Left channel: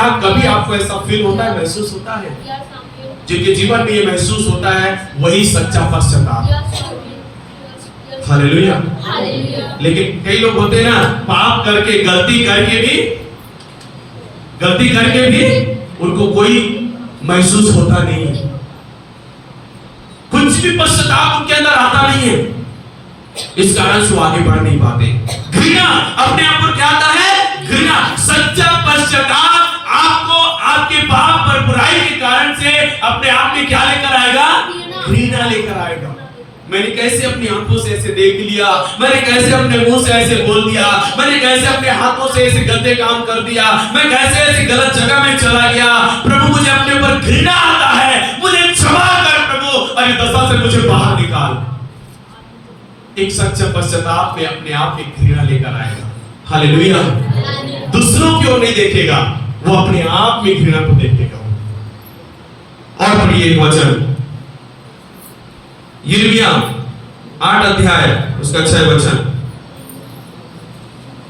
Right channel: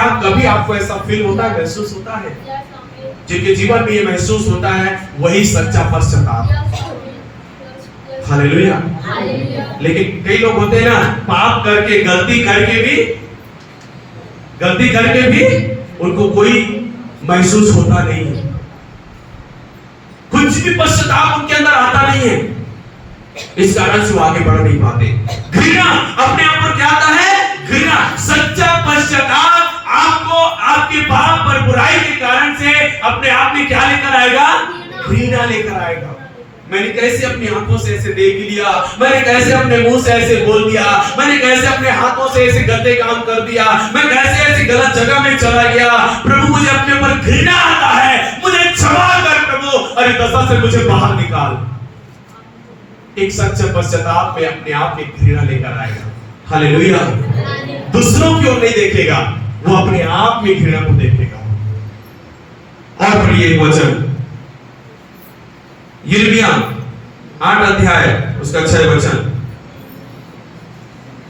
क्या कभी आपको ऐसा फील होता है, महसूस होता है? जिनके जीवन में ये महसूस होता है वही सच्चा पश्चाताप। हालेलुया। लेकिन कई लोग होते हैं ना, पाप करके गलती करके भी उनको कोई महसूस होता नहीं है, कुछ भी पश्चाताप उनके अंदर आता नहीं है। इस कारण से वो आगे बढ़ नहीं पाते। घृणा अपने आप पर क्या आता है? घृणा। सच्चा पश्चाताप आपको आपके पाप और बुराई के कारण से अपने आप में क्या लेकर आएगा? घृणा लेकर आएगा। मैंने कैसे अपनी आंखों से ऐसे देख लिया, मैंने कैसे अपने मुंह से ऐसे बोल दिया, मैंने कैसे अपने हाथों से ऐसे गंदे काम कर दिया, मैं कैसे ऐसी गलत जगह में चला गया। प्रभु मुझे अपने ऊपर घृणा आता है, मुझे क्षमा कर प्रभु, अरे दशा से मुझे बाहर निकाल। एक सच्चा पश्चाताप में अपने आप में घृणा लेकर आएगा। हालेलुया। दूसरों की ओर नहीं देखेगा, वो अपने आप में घृणा को देखेगा। और पढ़िए वचन यिर्मयाह 8 अध्याय उसका 6 वचन।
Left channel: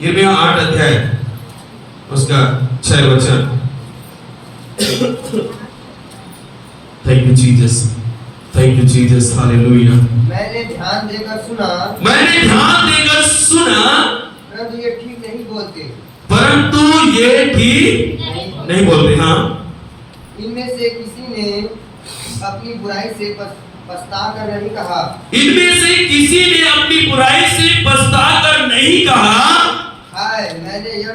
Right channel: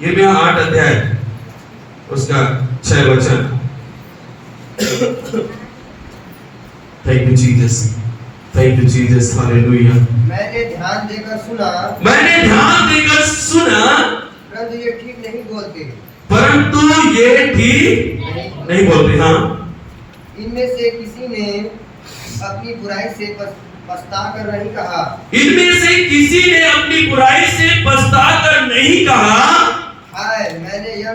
यिर्मयाह 8 अध्याय उसका 6 वचन। Thank you Jesus, thank you Jesus, hallelujah. मैंने ध्यान देकर सुना, परंतु ये ठीक नहीं बोलते। हाँ, इनमें से किसी ने अपनी बुराई से पछता कर नहीं कहा। हाय मैंने यह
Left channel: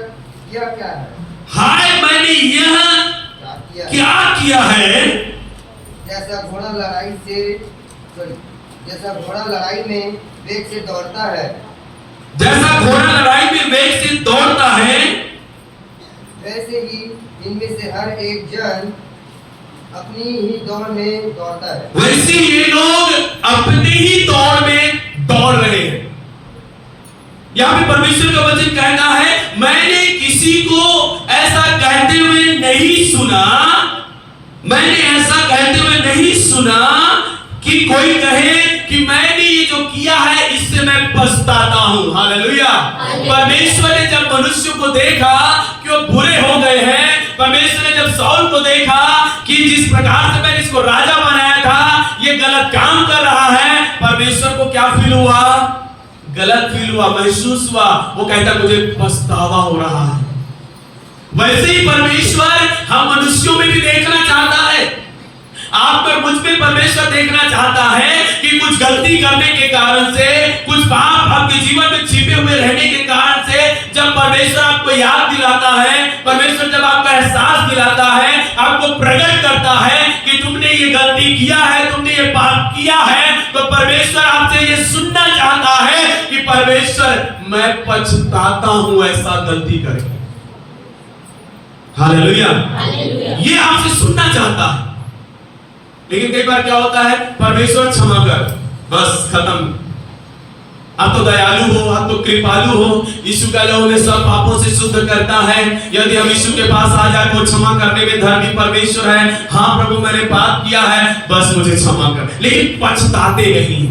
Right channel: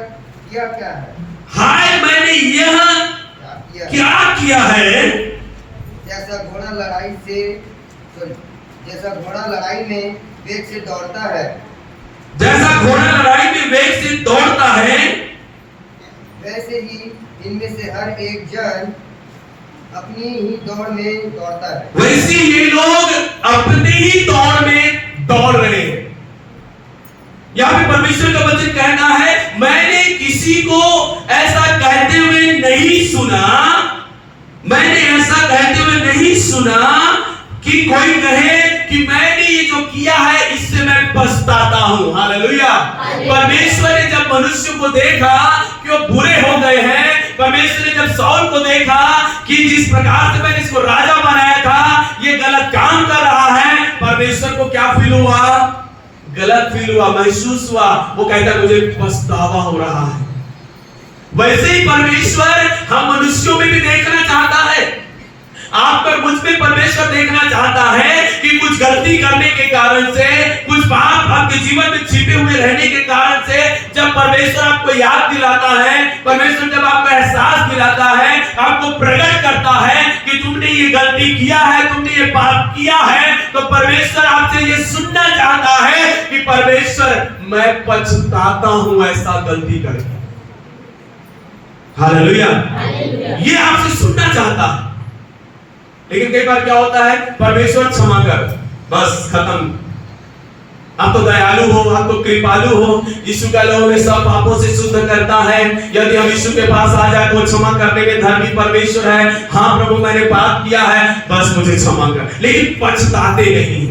क्या है? हाय मैंने यह क्या किया है? जैसा घोड़ा लड़ाई में वेग से दौड़ता है, वैसे ही इनमें से हर एक जन अपनी ही दौड़ में दौड़ता है। वैसे ये लोग अपनी ही दौड़ में दौड़ रहे हैं। यहाँ पे परमेश्वर का वचन कहना है, मैंने किसी को ऐसा कहते हुए नहीं सुना कि कोई कहे कि मैंने ये जो किया है इससे मैं पछताता हूं। हालेलुया। परमेश्वर ने जब मनुष्य को देखा कि वो बुरे हो गए हैं, परमेश्वर ने जब शाऊल को देखा कि जिस प्रकार से मैंने इसको राजा बनाया था ये गलत काम कर रहा है, परमेश्वर को क्या फील हुआ? गलत फील हुआ, महसूस हुआ। वो कहता मुझे पछतावा हो रहा है। वैसे ही परमेश्वर हम मनुष्यों में भी देखना चाहता है। आप पर मुझ में परमेश्वर देखना चाहता है कि कुछ गलती करने के कारण से, कुछ पाप आपके जीवन में छिपे हुए रहने के कारण से जब परमेश्वर आपको याद दिलाता है, परमेश्वर जब आपका एहसास दिलाता है, आपको प्रकट करता है कि तुमने ये गलती किया है, तुमने ये पाप किया है, तो परमेश्वर आपसे ये सुनना चाहता है कि परमेश्वर मैं पछताता हूं ऐसा गलती करके। हालेलुया। ये आपसे सुनना चाहता है। लेकिन कई बार क्या होता है, परमेश्वर क्षमा कर, बस खत्म, आप तो दयालु हो, आप तो कृपालु हो, यीशु का लहू हमें सब पापों से शुद्ध करता है। यदि हम यीशु के पास आ जाए तो क्षमा करने में धर्मी परमेश्वर है। हाँ प्रभु मैंने पाप किया है, बस मुझे क्षमा कर। लेकिन पछताते नहीं।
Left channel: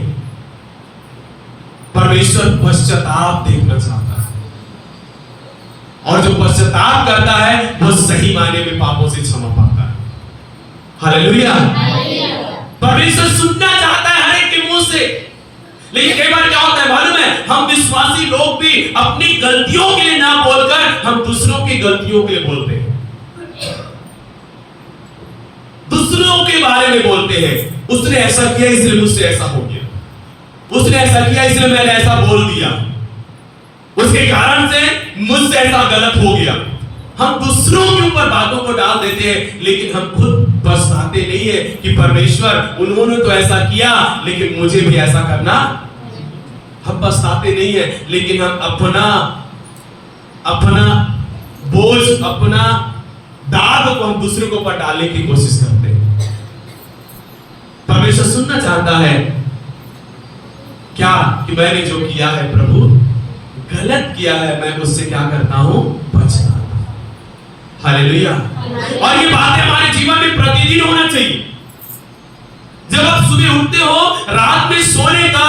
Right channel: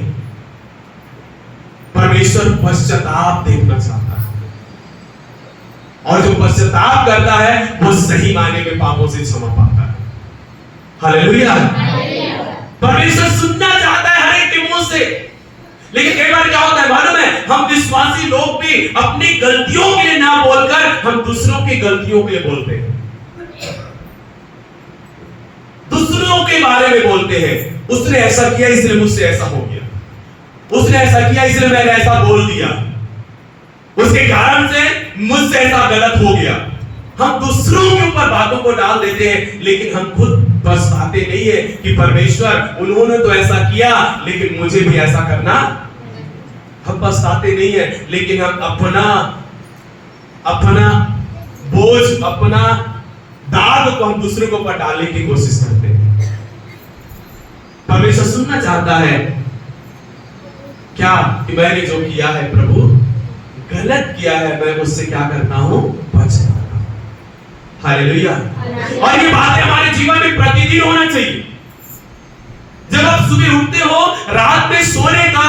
परमेश्वर पश्चाताप देखना चाहता है, और जो पश्चाताप करता है वो सही मायने में पापों से क्षमा पाता है। हालेलुया। परमेश्वर सुनना चाहता है हर एक के मुंह से। लेकिन कई बार क्या होता है मालूम है, हम विश्वासी लोग भी अपनी गलतियों के लिए ना बोलकर हम दूसरों की गलतियों के लिए बोलते हैं, दूसरों के बारे में बोलते हैं। उसने ऐसा किया इसलिए मुझसे ऐसा हो गया, उसने ऐसा किया इसलिए मैंने ऐसा बोल दिया, उसके कारण से मुझसे ऐसा गलत हो गया। हम दूसरों के ऊपर बातों को डाल देते हैं, लेकिन हम खुद पछताते नहीं है कि परमेश्वर उन्होंने तो ऐसा किया लेकिन मुझे भी ऐसा करना। हम पछताते नहीं है, लेकिन हम अपना बोझ, अपना दाग को हम दूसरों के ऊपर डालने की कोशिश करते हैं। परमेश्वर सुनना चाहता है क्या कि मैंने जो किया है प्रभु गलत किया है, मैं उससे क्या करता हूं? पछताता। हालेलुया। और ये बातें हमारे जीवन में प्रतिदिन होना चाहिए। जब आप सुबह उठते हो, रात में सोने का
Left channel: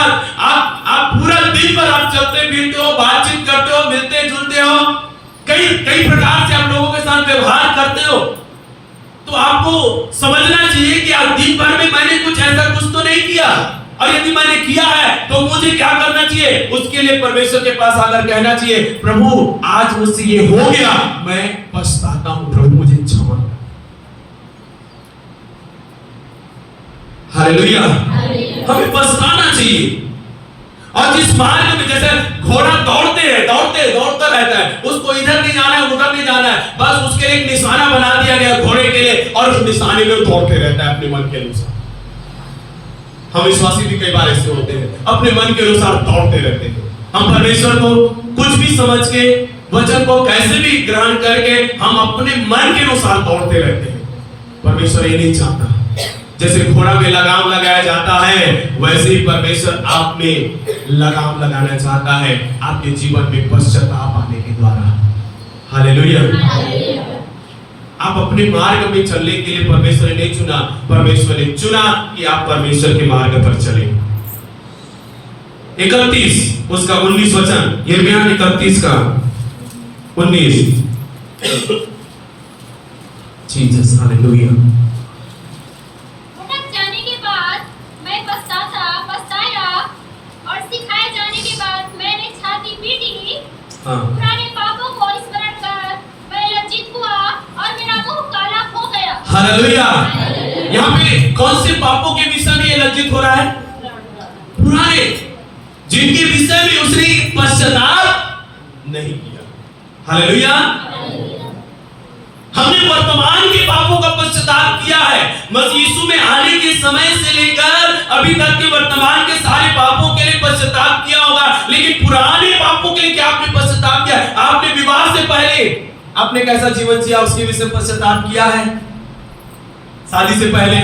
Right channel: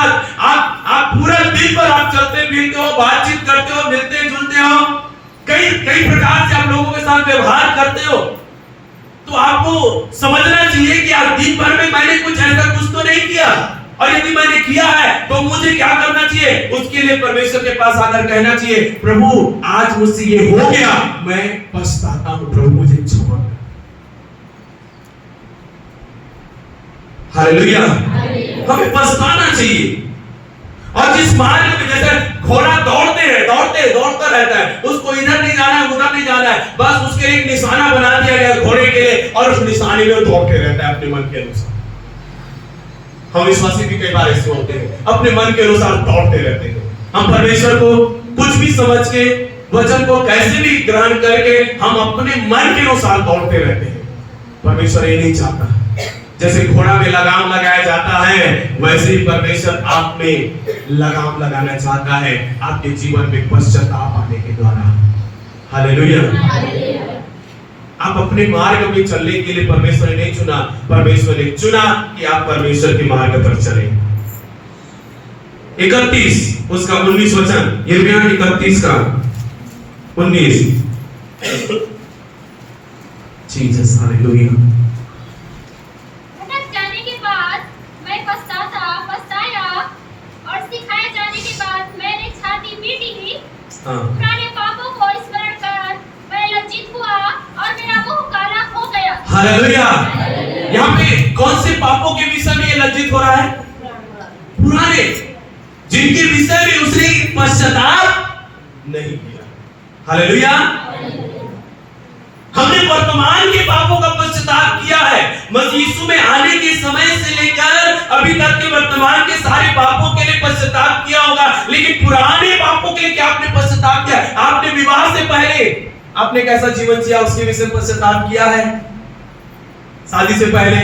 आप पूरा दिन भर आप चलते फिरते हो, बातचीत करते हो, मिलते जुलते हो, कई प्रकार से आप आप लोगों के साथ व्यवहार करते हो तो आपको समझना चाहिए कि आज दिन भर में मैंने कुछ ऐसा कुछ तो नहीं किया, और यदि मैंने किया है तो मुझे क्या करना चाहिए? उसके लिए परमेश्वर के पास आकर कहना चाहिए, प्रभु आज मुझसे ये हो गया, मैं पछताता हूं, प्रभु मुझे क्षमा कर। हालेलुया। हमें पछताना चाहिए। और जिस मार्ग में जैसे घोड़ा दौड़ता रहता है, उसको इधर नहीं जाना है, उधर नहीं जाना है, बस उसके लिए एक निशाना बना दिया गया घोड़े के लिए, और उस निशाने में दौड़ते रहता है अपने मन के अनुसार। हम विश्वासी भी कई बार ऐसे होते हैं, अपने मन के अनुसार दौड़ते रहते हैं। हम परमेश्वर को कुछ भी समझ के, वचन को कैसे भी ग्रहण करके हम अपने मन के अनुसार दौड़ते रहते हैं। परमेश्वर ये नहीं चाहता। जैसे घोड़ा में लगाम लगाया जाता है, वैसे ही परमेश्वर आप में लगाम लगाना चाहता है, आपके जीवन में पश्चाताप आने के द्वारा। हालेलुया। आप अपने मार्ग में चलने के लिए परमेश्वर ने नहीं चुना, परमेश्वर ने चुना कि आप परमेश्वर के मार्ग पर चलें। 31 उसका 19 वचन, यिर्मयाह 31 का 19। Jesus, hallelujah. भटक जाने के बाद मैं पछताया और सिखाए जाने के बाद मैंने छाती पीटी। पुराने पापों को स्मरण कर मैं लज्जित हुआ और मेरा मुंह काला हो गया। हालेलुया। यहाँ पे कौन से पापों के विषय में ये लज्जित हो रहा है? पुराने, जिनके विषय में उसने पश्चाताप नहीं किया। हालेलुया। हमने वर्तमान के पापों का पश्चाताप किया है। मसीह यीशु में आने के समय से लेकर अभी तक के वर्तमान के सारे पापों के लिए पश्चाताप किया होगा, लेकिन पुराने पापों के लिए क्या आपने पश्चाताप किया? आपने विवाह से पहले आपने कैसा जीवन जिया, उसके विषय में पश्चाताप किया है? शादी से पहले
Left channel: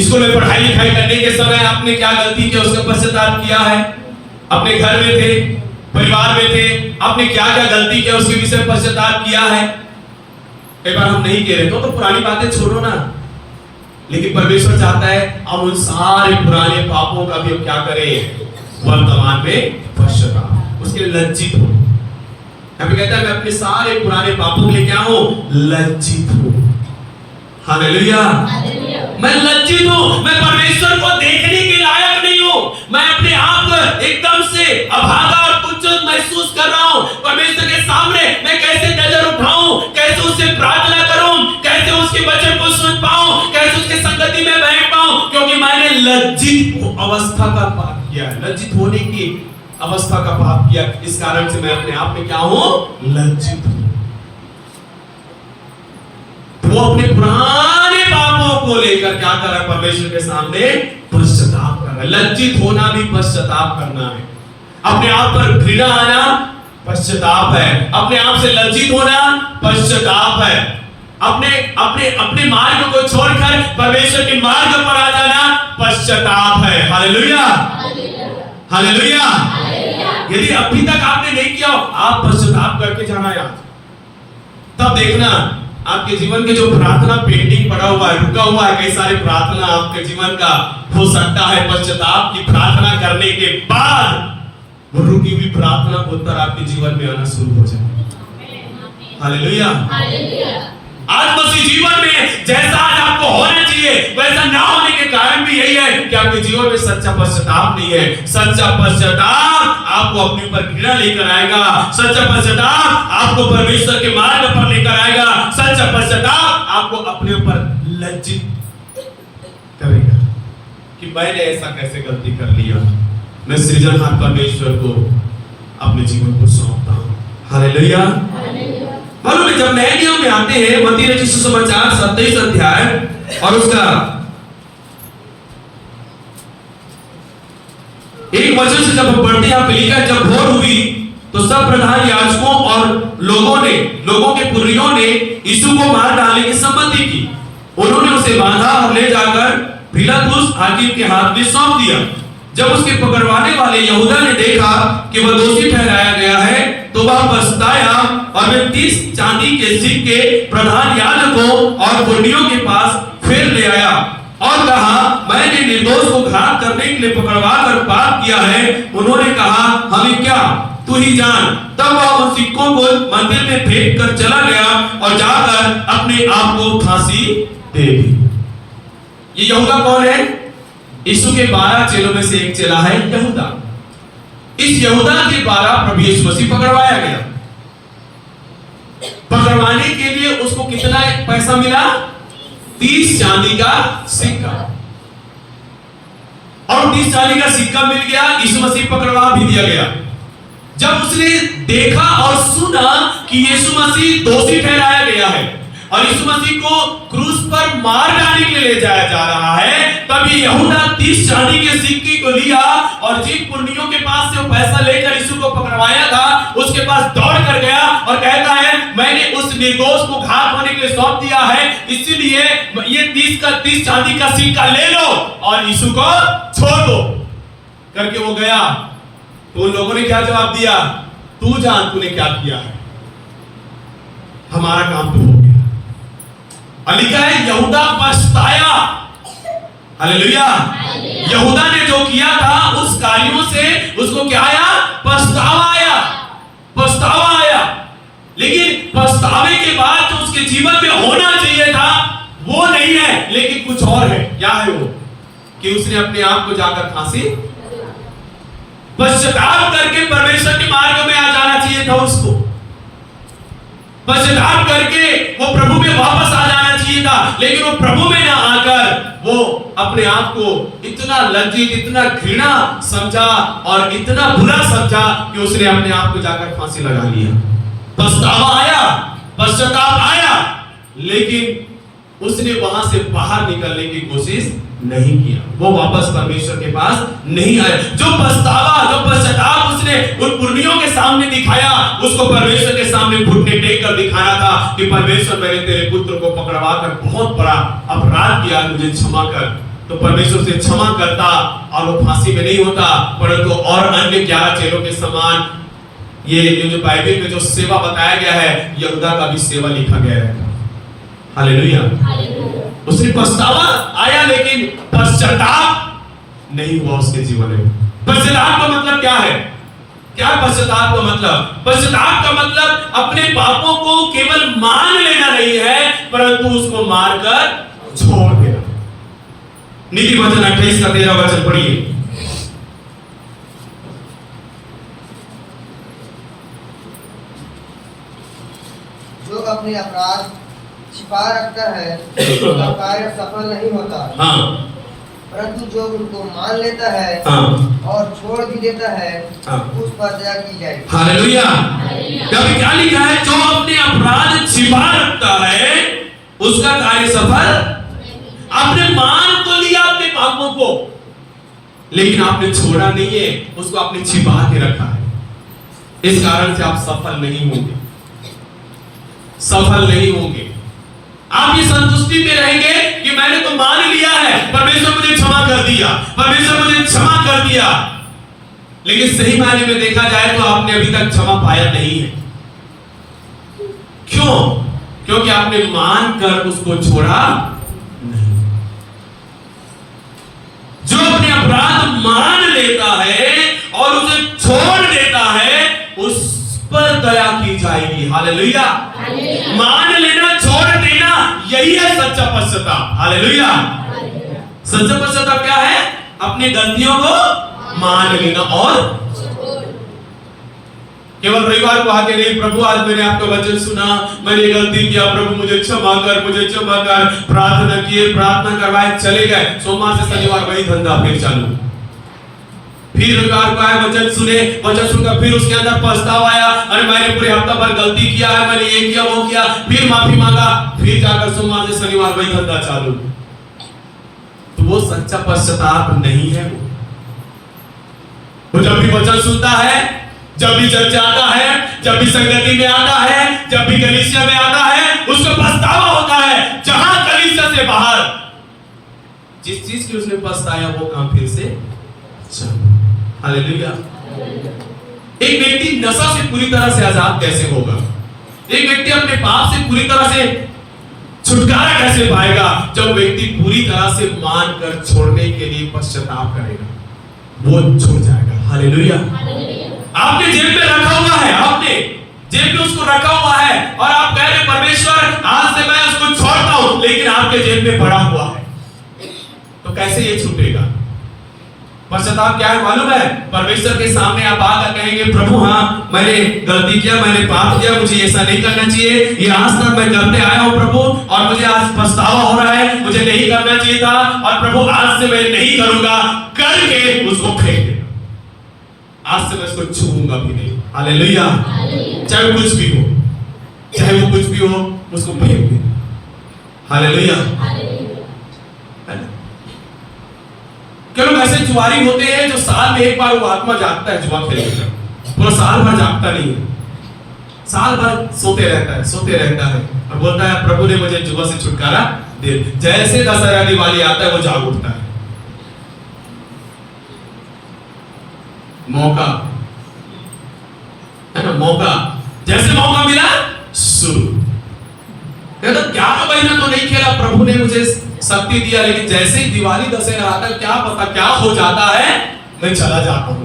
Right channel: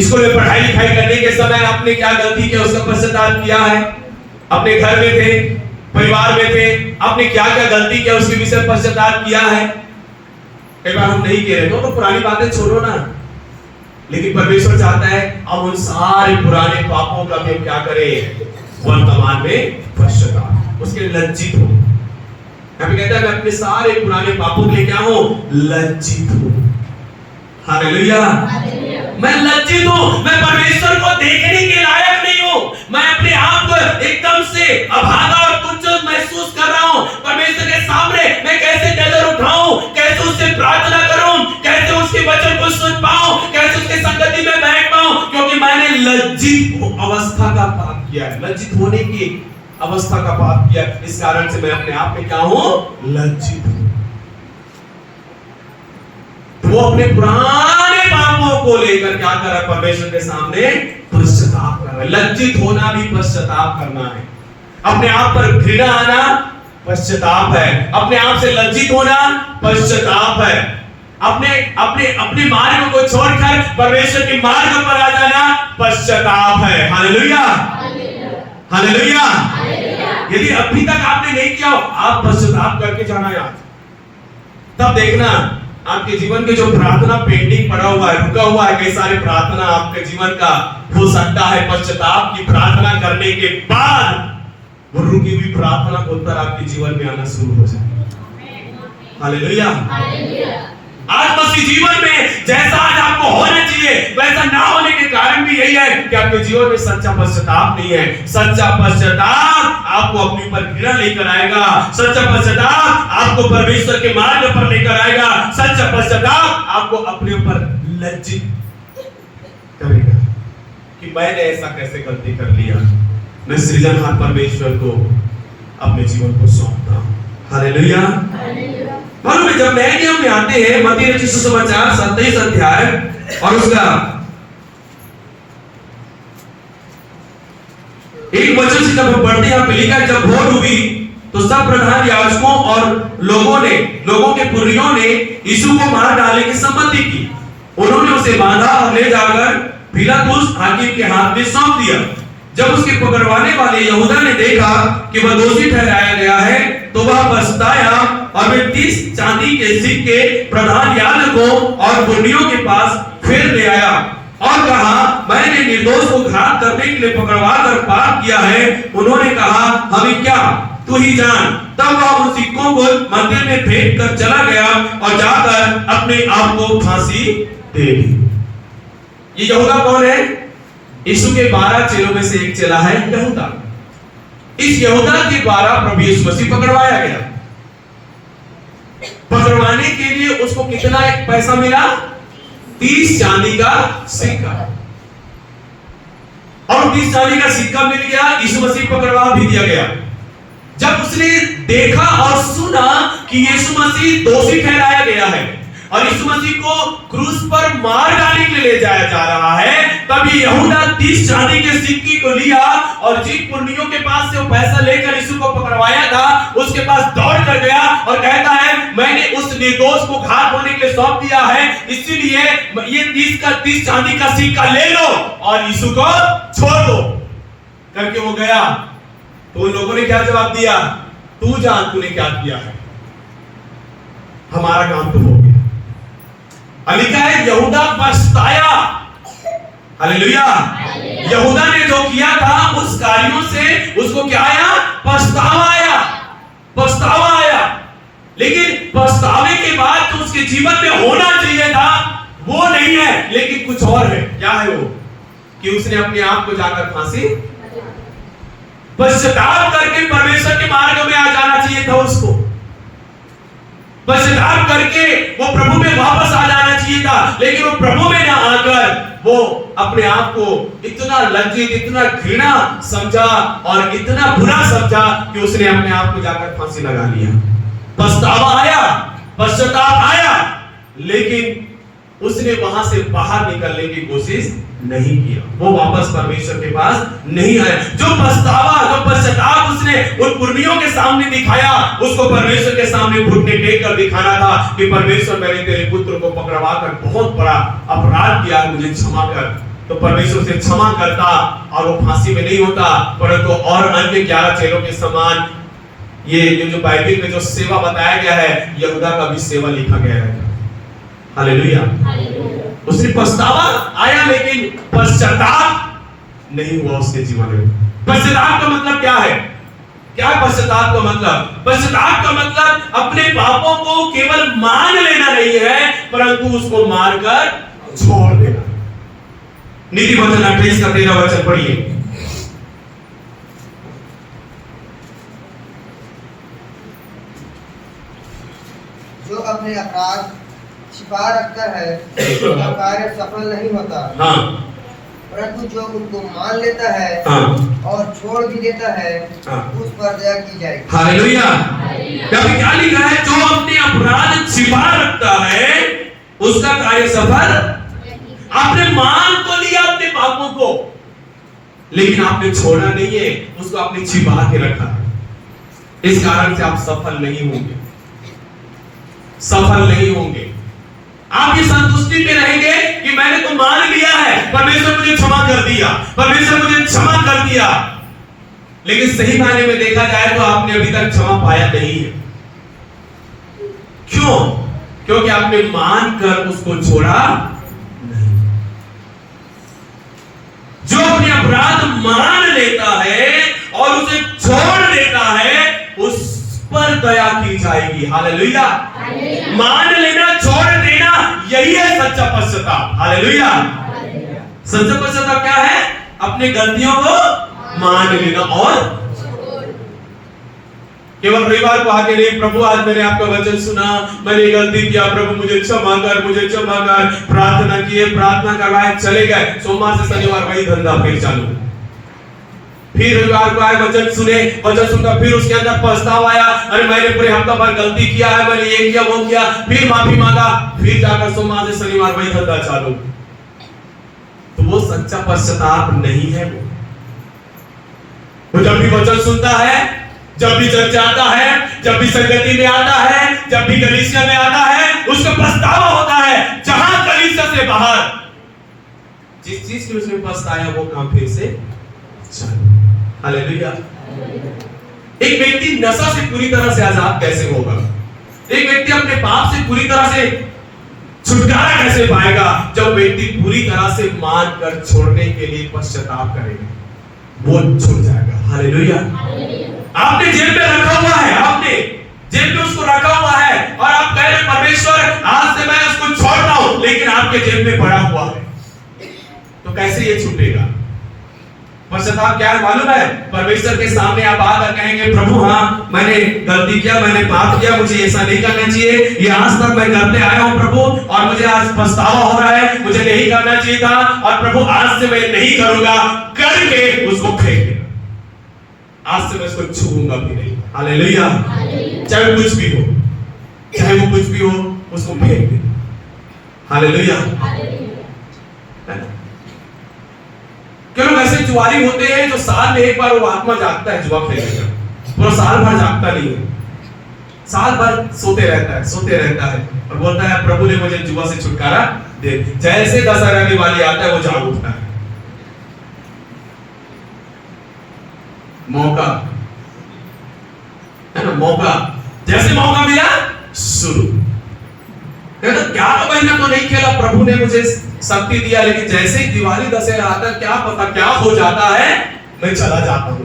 स्कूल में पढ़ाई लिखाई करने के समय आपने क्या गलती किया, उसका पश्चाताप किया है? अपने घर में थे, परिवार में थे, आपने क्या क्या गलती किया, उसके विषय में पश्चाताप किया है? कई बार हम नहीं कह रहे तो पुरानी बातें छोड़ो ना, लेकिन परमेश्वर चाहता है अब उन सारे पुराने पापों का भी हम क्या करें? वर्तमान में पश्चाताप, उसके लिए लज्जित हो। यहाँ पे कहता है मैं अपने सारे पुराने पापों के लिए क्या हूं? लज्जित हूं। हालेलुया। मैं लज्जित हूं, मैं परमेश्वर को देखने के लायक नहीं हूं, मैं अपने आप को एकदम से अभागा और तुच्छ महसूस कर रहा हूं। परमेश्वर के सामने मैं कैसे नजर उठाऊं, कैसे उससे प्रार्थना करूं, कैसे उसके वचन को सुन पाऊं, कैसे उसके संगति में बैठ पाऊं, क्योंकि मैंने लज्जित अवस्था का पाप किया है, लज्जित होने की अवस्था का पाप किया। इस कारण से मैं अपने आप में क्या हूं? लज्जित हूं। वो अपने पुराने पापों को लेकर क्या कर रहा है? परमेश्वर के सामने पश्चाताप कर रहा है। लज्जित होना भी पश्चाताप करना है। अपने आप पर घृणा आना पश्चाताप है, अपने आप से लज्जित होना पश्चाताप है, अपने अपने अपने मार्ग को छोड़कर परमेश्वर के मार्ग पर आ जाना पश्चाताप है। हालेलुया। हालेलुया। यदि अभी तक आपने नहीं किया, आप पश्चाताप करके जाना है आज। तब देखना आपके जीवन के जो प्रार्थना पेंडिंग पड़ा हुआ है, रुका हुआ है, कई सारे प्रार्थना आपके जीवन का हो सकता है पश्चाताप की प्रार्थना करने के बाद वो रुकी हुई प्रार्थना का उत्तर आपके जीवन में आना शुरू हो जाए। हालेलुया। आज मसीह जीवन में जैसा आज आपको होना चाहिए वैसा ना होने के कारण भी यही है कि आपके जीवन में सच्चा पश्चाताप नहीं है। सच्चा पश्चाताप आपको अपने पर घृणा लेकर आएगा, सच्चा पश्चाताप आपको परमेश्वर के मार्ग पर लेकर आएगा, सच्चा पश्चाताप आपको अपने ऊपर लज्जित करेगा कि मैंने ऐसा कैसे गलती कर लिया। मैं सृजनहार परमेश्वर को अपने जीवन को सौंपता हूं। हालेलुया। मालूम है जब नए नियम में आते हैं, मत्ती रचित सुसमाचार 27 अध्याय और उसका एक वचन से जब पढ़ते हैं, लिखा जब भोर हुई तो सब प्रधान याजकों और लोगों के पुर्रियों ने यीशु को मार डालने की सम्मति की। उन्होंने उसे बांधा और ले जाकर पिलातुस हाकिम के हाथ में सौंप दिया। जब उसके पकड़वाने वाले यहूदा ने देखा कि वह दोषी ठहराया गया है तो वह पछताया और वे 30 चांदी के सिक्के प्रधान याजकों और पुर्रियों के पास फिर ले आया और कहा, मैंने निर्दोष को घात करने के लिए पकड़वा कर पाप किया है। उन्होंने कहा, हमें क्या, तू ही जान। तब वह उन सिक्कों को मंदिर में फेंक कर चला गया और जाकर अपने आप को फांसी दे दी। ये यहूदा कौन है? यीशु के 12 चेलों में से एक चेला है यहूदा। इस यहूदा के द्वारा प्रभु यीशु मसीह पकड़वाया गया। पकड़वाने के लिए उसको कितना पैसा मिला? 30 चांदी का सिक्का। और 30 चांदी का सिक्का मिल गया, यीशु मसीह पकड़वा भी दिया गया। जब उसने देखा और सुना कि यीशु मसीह दोषी ठहराया गया है और यीशु मसीह को क्रूस पर मार डालने के लिए ले जाया जा रहा है, तभी यहूदा 30 चांदी के सिक्के को लिया और जिन पुर्नियों के पास से वो पैसा लेकर यीशु को पकड़वाया था उसके पास दौड़ कर गया और कहता है मैंने उस निर्दोष को घात होने के लिए सौंप दिया है, इसीलिए ये 30 चांदी का सिक्का ले लो और यीशु को छोड़ दो करके वो गया। तो उन लोगों ने क्या जवाब दिया? तू जान तूने क्या किया है, हमारा काम तो हो गया। लिखा है यहूदा पछताया। हालेलुया। यहूदा ने जो किया था उस कार्यों से उसको क्या आया? पछतावा आया। पछतावा आया। लेकिन पछतावे के बाद जो उसके जीवन में होना चाहिए था वो नहीं है, लेकिन कुछ और है। क्या है वो? कि उसने अपने आप को जाकर फांसी, पश्चाताप करके परमेश्वर के मार्ग में आ जाना चाहिए था उसको। पश्चाताप करके वो प्रभु में वापस आ जाना चाहिए था, लेकिन वो प्रभु में ना आकर वो अपने आप को इतना लज्जित, इतना घृणा समझा और इतना बुरा समझा कि उसने अपने आप को जाकर फांसी लगा लिया। पछतावा आया, पश्चाताप आया, लेकिन उसने वहां से बाहर निकलने की कोशिश नहीं किया। वो वापस परमेश्वर के पास नहीं आया। जो पछतावा, जो पश्चाताप उसने उन पुर्नियों के सामने दिखाया, उसको परमेश्वर के सामने घुटने टेक कर दिखाना था कि परमेश्वर मैंने तेरे पुत्र को पकड़वा कर बहुत बड़ा अपराध किया, मुझे क्षमा कर। तो परमेश्वर से क्षमा करता और वो फांसी में नहीं होता, परंतु और अन्य 11 चेलों के समान ये जो बाइबल में जो सेवा बताया गया है, यहूदा का भी सेवा लिखा गया है। हालेलुया। उसने पछतावा आया लेकिन पश्चाताप नहीं हुआ उसके जीवन में। पश्चाताप का मतलब क्या है? क्या पश्चाताप का मतलब? पश्चाताप का मतलब अपने पापों को केवल मान लेना नहीं है, परंतु उसको मारकर छोड़ देना। नीति वचन 28 का 13 वचन पढ़िए। जो अपने अपराध छिपा रखता है उसका कार्य सफल नहीं होता। हाँ। परंतु जो उनको मान लेता है हाँ। और छोड़ भी देता है, हाँ। उस पर दया की जाएगी। हालेलुया। क्या लिखा है? जो अपने अपराध छिपा रखता है उसका कार्य सफल। आपने मान तो लिया अपने पापों को, लेकिन आपने छोड़ा नहीं है, उसको आपने छिपा के रखा है। इस कारण से आप सफल नहीं होंगे, सफल नहीं होंगे। आप ये संतुष्टि में रहेंगे कि मैंने तो मान लिया है, परमेश्वर मुझे क्षमा कर दिया, परमेश्वर मुझे क्षमा कर दिया, लेकिन सही मायने में देखा जाए तो आपने अभी तक क्षमा पाया नहीं है। क्यों? क्योंकि आपने मान कर उसको छोड़ा नहीं। जो अपने अपराध मान लेता है और उसे छोड़ देता है, उस पर दया की जाएगी। हालेलुया। मान लेना, छोड़ देना, यही है सच्चा पश्चाताप। हालेलुया। सच्चा पश्चाताप क्या है? अपनी गलतियों को मान लेना और केवल रविवार को आके नहीं, प्रभु आज मैंने आपका वचन सुना, मैंने गलती किया, प्रभु मुझे क्षमा कर, मुझे क्षमा कर, प्रार्थना किए, प्रार्थना करवाए, चले गए। सोमवार से शनिवार वही धंधा फिर चालू। फिर रविवार को आए, वचन सुने, वचन सुनकर फिर उसके अंदर पछतावा आया, अरे मैंने पूरे हफ्ता भर गलती किया है, मैंने ये किया वो किया, फिर माफी मांगा, फिर जाकर सोमवार से शनिवार वही धंधा चालू। तो वो सच्चा पश्चाताप नहीं है। वो जब भी वचन सुनता है, जब भी चर्चा आता है, जब भी संगति में आता है, जब भी कलीसिया में आता है, उसको पछतावा होता है। जहां कलीसिया से बाहर जिस चीज की उसने पछताया वो काम फिर से चालू। हालेलुया। एक व्यक्ति नशा से पूरी तरह से आजाद कैसे होगा? एक व्यक्ति अपने पाप से पूरी तरह से छुटकारा कैसे पाएगा? जब व्यक्ति पूरी तरह से मान कर छोड़ने के लिए पश्चाताप करेगा, वो छूट जाएगा। हालेलुया। आपने जेब में रखा हुआ है, आपने जेब में उसको रखा हुआ है और आप कह रहे परमेश्वर आज से मैं उसको छोड़ता हूं, लेकिन आपके जेब में पड़ा हुआ है, तो कैसे ये छूटेगा? पश्चाताप क्या है मालूम है? परमेश्वर के सामने आप आकर कहेंगे प्रभु हाँ मैंने गलती किया, मैंने पाप किया, मुझे ऐसा नहीं करना चाहिए, ये आज तक मैं करते आया हूं प्रभु और मुझे आज पछतावा हो रहा है, मुझे नहीं करना चाहिए था और प्रभु आज से मैं नहीं करूंगा करके उसको फेंक देना। आज से मैं उसको छूऊंगा भी नहीं। हालेलुया। चाहे वो कुछ भी हो, चाहे वो कुछ भी हो, उसको फेंक देना। हालेलुया। क्यों लोग ऐसे जुआरी होते हैं जो साल में एक बार वो आत्मा जागता है जुआ खेलने का, पूरा साल भर जागता नहीं है, साल भर सोते रहता है और बोलता है प्रभु ने मुझे जुआ से छुटकारा दे। जैसे दशहरा दिवाली आता है वो जाग उठता है। मौका है ना, मौका जैसे मौका मिला शुरू। कहता 11 महीना तो नहीं खेला, प्रभु ने मुझे शक्ति दिया, लेकिन जैसे ही दिवाली दशहरा आता क्या पता क्या हो जाता है, मैं चला जाता हूं।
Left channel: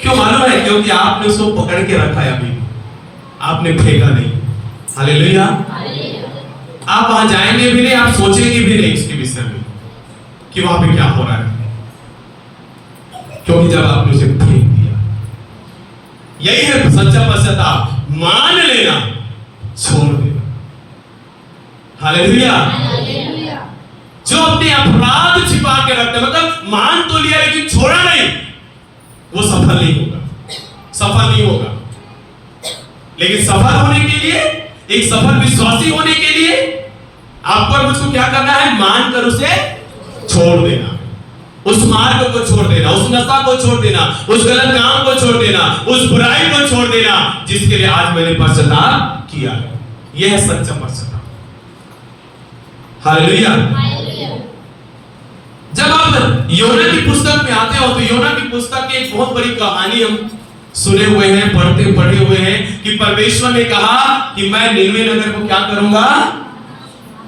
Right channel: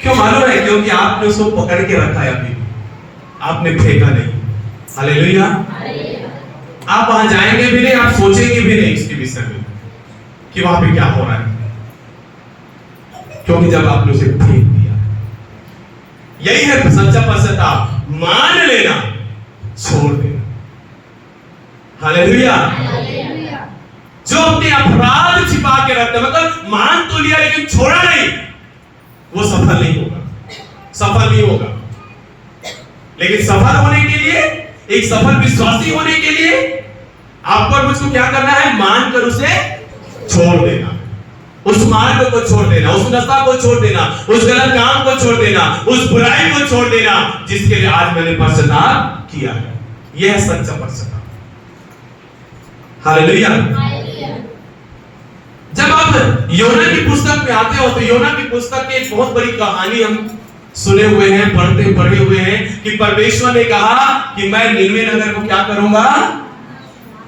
क्यों मालूम है? क्योंकि आपने उसको पकड़ के रखा है, अभी आपने फेंका नहीं। हालेलुया। आप वहां जाएंगे भी नहीं, आप सोचेंगे भी नहीं इसके विषय में कि वहां पे क्या हो रहा है, क्योंकि जब आपने उसे फेंक दिया। यही है सच्चा पश्चाताप, मान लेना, छोड़ देना। हालेलुया। जो अपने अपराध छिपा के रखते, मतलब मान तो लिया लेकिन छोड़ा नहीं, वो सफल नहीं होगा। लेकिन सफल होने के लिए, एक सफल विश्वासी होने के लिए आपको और मुझको क्या करना है? मानकर उसे छोड़ देना, उस मार्ग को छोड़ देना, उस नशा को छोड़ देना, उस गलत काम को छोड़ देना, उस बुराई को छोड़ देना जिसके लिए आज मैंने पश्चाताप किया है। यह है सच्चा पश्चाताप। हालेलुया। जब आप योना की पुस्तक में आते हो तो योना की पुस्तक की एक बहुत बड़ी कहानी हम सुने हुए हैं, पढ़े हुए हैं कि परमेश्वर ने कहा कि मैं निनवे नगर को क्या करूंगा?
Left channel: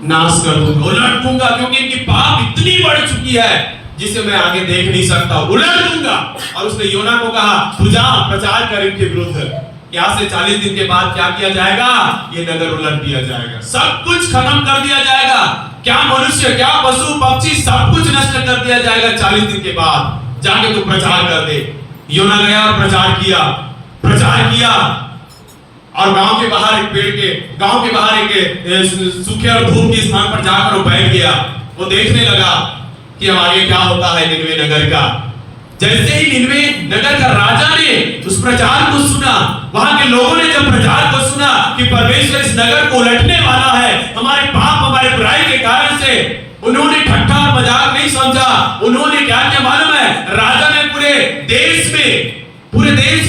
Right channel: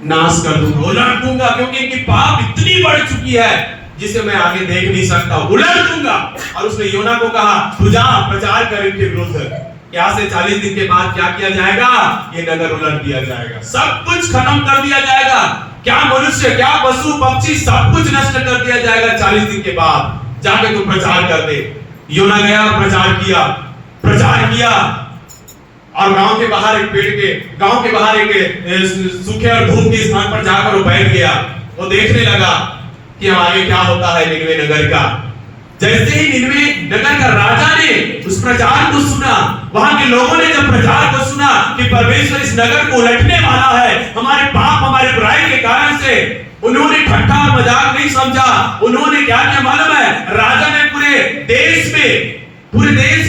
नाश कर दूंगा, उलट दूंगा, क्योंकि इनकी पाप इतनी बढ़ चुकी है जिसे मैं आगे देख नहीं सकता, उलट दूंगा। और उसने योना को कहा तू जा प्रचार कर इनके विरुद्ध। यहाँ से 40 दिन के बाद क्या किया जाएगा? ये नगर उलट दिया जाएगा, सब कुछ खत्म कर दिया जाएगा, क्या मनुष्य क्या पशु पक्षी सब कुछ नष्ट कर दिया जाएगा 40 दिन के बाद। जाके तू प्रचार कर दे। योना गया और प्रचार किया और गांव के बाहर एक सूखे और धूप के स्थान पर जाकर वो बैठ गया। वो देखने लगा कि आगे क्या होता है निनवे नगर का। जैसे ही निनवे नगर का राजा ने उस प्रचार को सुना, वहां के लोगों ने जब प्रचार को सुना कि परमेश्वर इस नगर को उलटने वाला है, हमारे पाप हमारे बुराई के कारण से, उन्होंने ठट्ठा और मजाक नहीं समझा। उन्होंने क्या किया मालूम है? राजा ने पूरे देश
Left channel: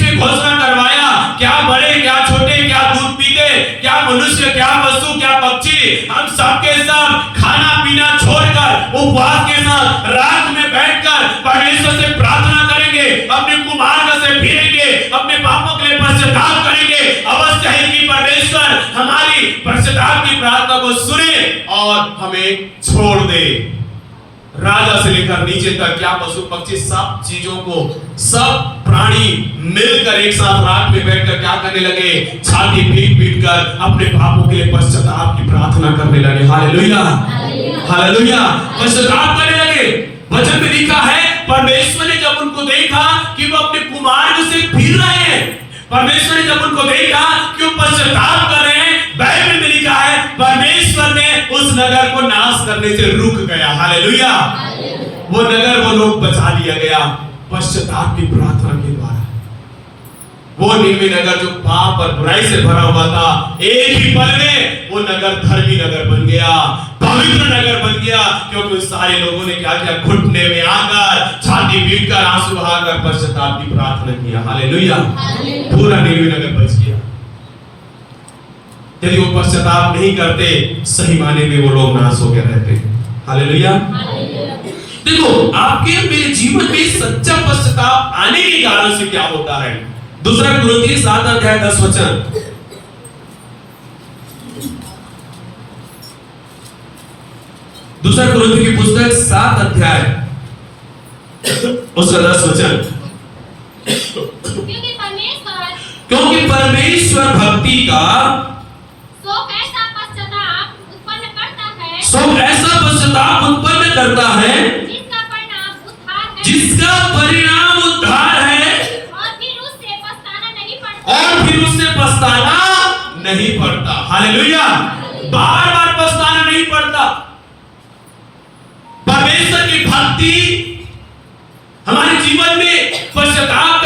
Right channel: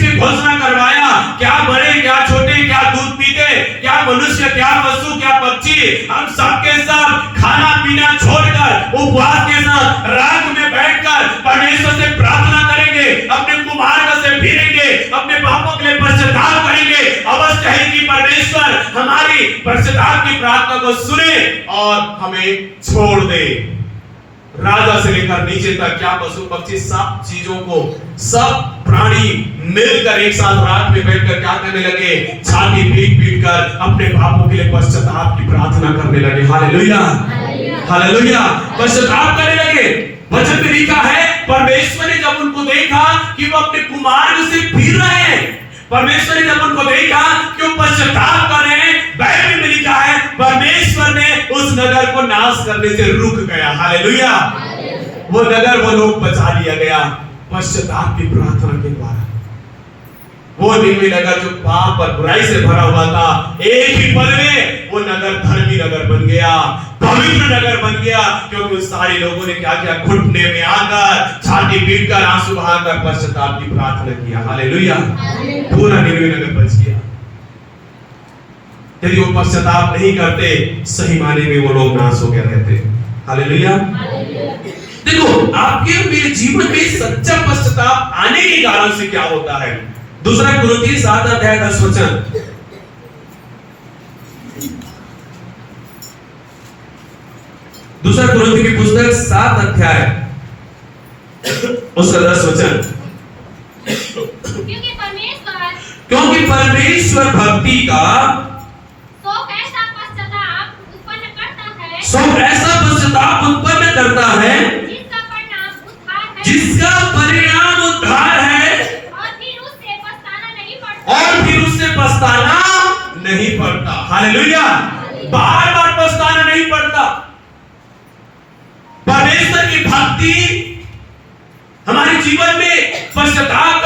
में घोषणा करवाया, क्या बड़े क्या छोटे, क्या दूध पीते, क्या मनुष्य क्या पशु क्या पक्षी, हम सबके सब खाना पीना छोड़कर उपवास के साथ रात में बैठकर परमेश्वर से प्रार्थना करेंगे, अपने कुमार्ग से फिरेंगे, अपने पापों के लिए पश्चाताप करेंगे। अवश्य है कि परमेश्वर हमारी पश्चाताप की प्रार्थना को सुने और हमें छोड़ दे। राजा से लेकर नीचे तक क्या पशु पक्षी सब चीजों को, सब प्राणी मिलकर एक साथ रात में बैठकर क्या करने लगे? छाती पीट कर अपने पापों के लिए पश्चाताप की प्रार्थना करने लगे। हालेलुया, हालेलुया, पश्चाताप करने लगे। वचन में लिखा है परमेश्वर ने जब उनको देखा कि वो अपने कुमार्ग से फिर रहे हैं, परमेश्वर ने जब उनको देखा कि वो पश्चाताप कर रहे हैं, बाइबल में लिखा है परमेश्वर ने उस नगर को नाश करने से रुक गया। हालेलुया। वो नगर, वो लोग बचा लिया गया पश्चाताप की प्रार्थना के द्वारा। वो निनवे नगर जो पाप और बुराई से भरा हुआ था, एक ही पल में वो नगर धर्मी नगर बन गया, पवित्र नगर बन गया, क्योंकि उस सारे लोगों ने क्या किया? घुटने में आकर, छाती पीटकर, आंसू बहाकर पश्चाताप की प्रार्थना किया। हालेलुया। पूरा निनवे नगर बच गया। यदि वो पश्चाताप नहीं करते, सही माने में वो लोग नाश हो गए रहते। हालेलुया। देखो आपके मेरे जीवन में सच्चा पश्चाताप आने के कारण से क्या होता है? दूसरा कुरिन्थियों 7 अध्याय 10 वचन। दूसरा कुरिन्थियों की पुस्तक 7 अध्याय उसका 10 वचन। क्योंकि परमेश्वर भक्ति का शोक ऐसा पश्चाताप उत्पन्न करता है, शोक ऐसा पश्चाताप उत्पन्न करता है जिसका परिणाम उद्धार है, जिसका परिणाम उद्धार है, और फिर उससे पछताना नहीं पड़ता। और फिर उससे पछताना नहीं पड़ता। हालेलुया। बार बार पछताना नहीं पड़ता। परमेश्वर की भक्ति हमारे जीवन में पश्चाताप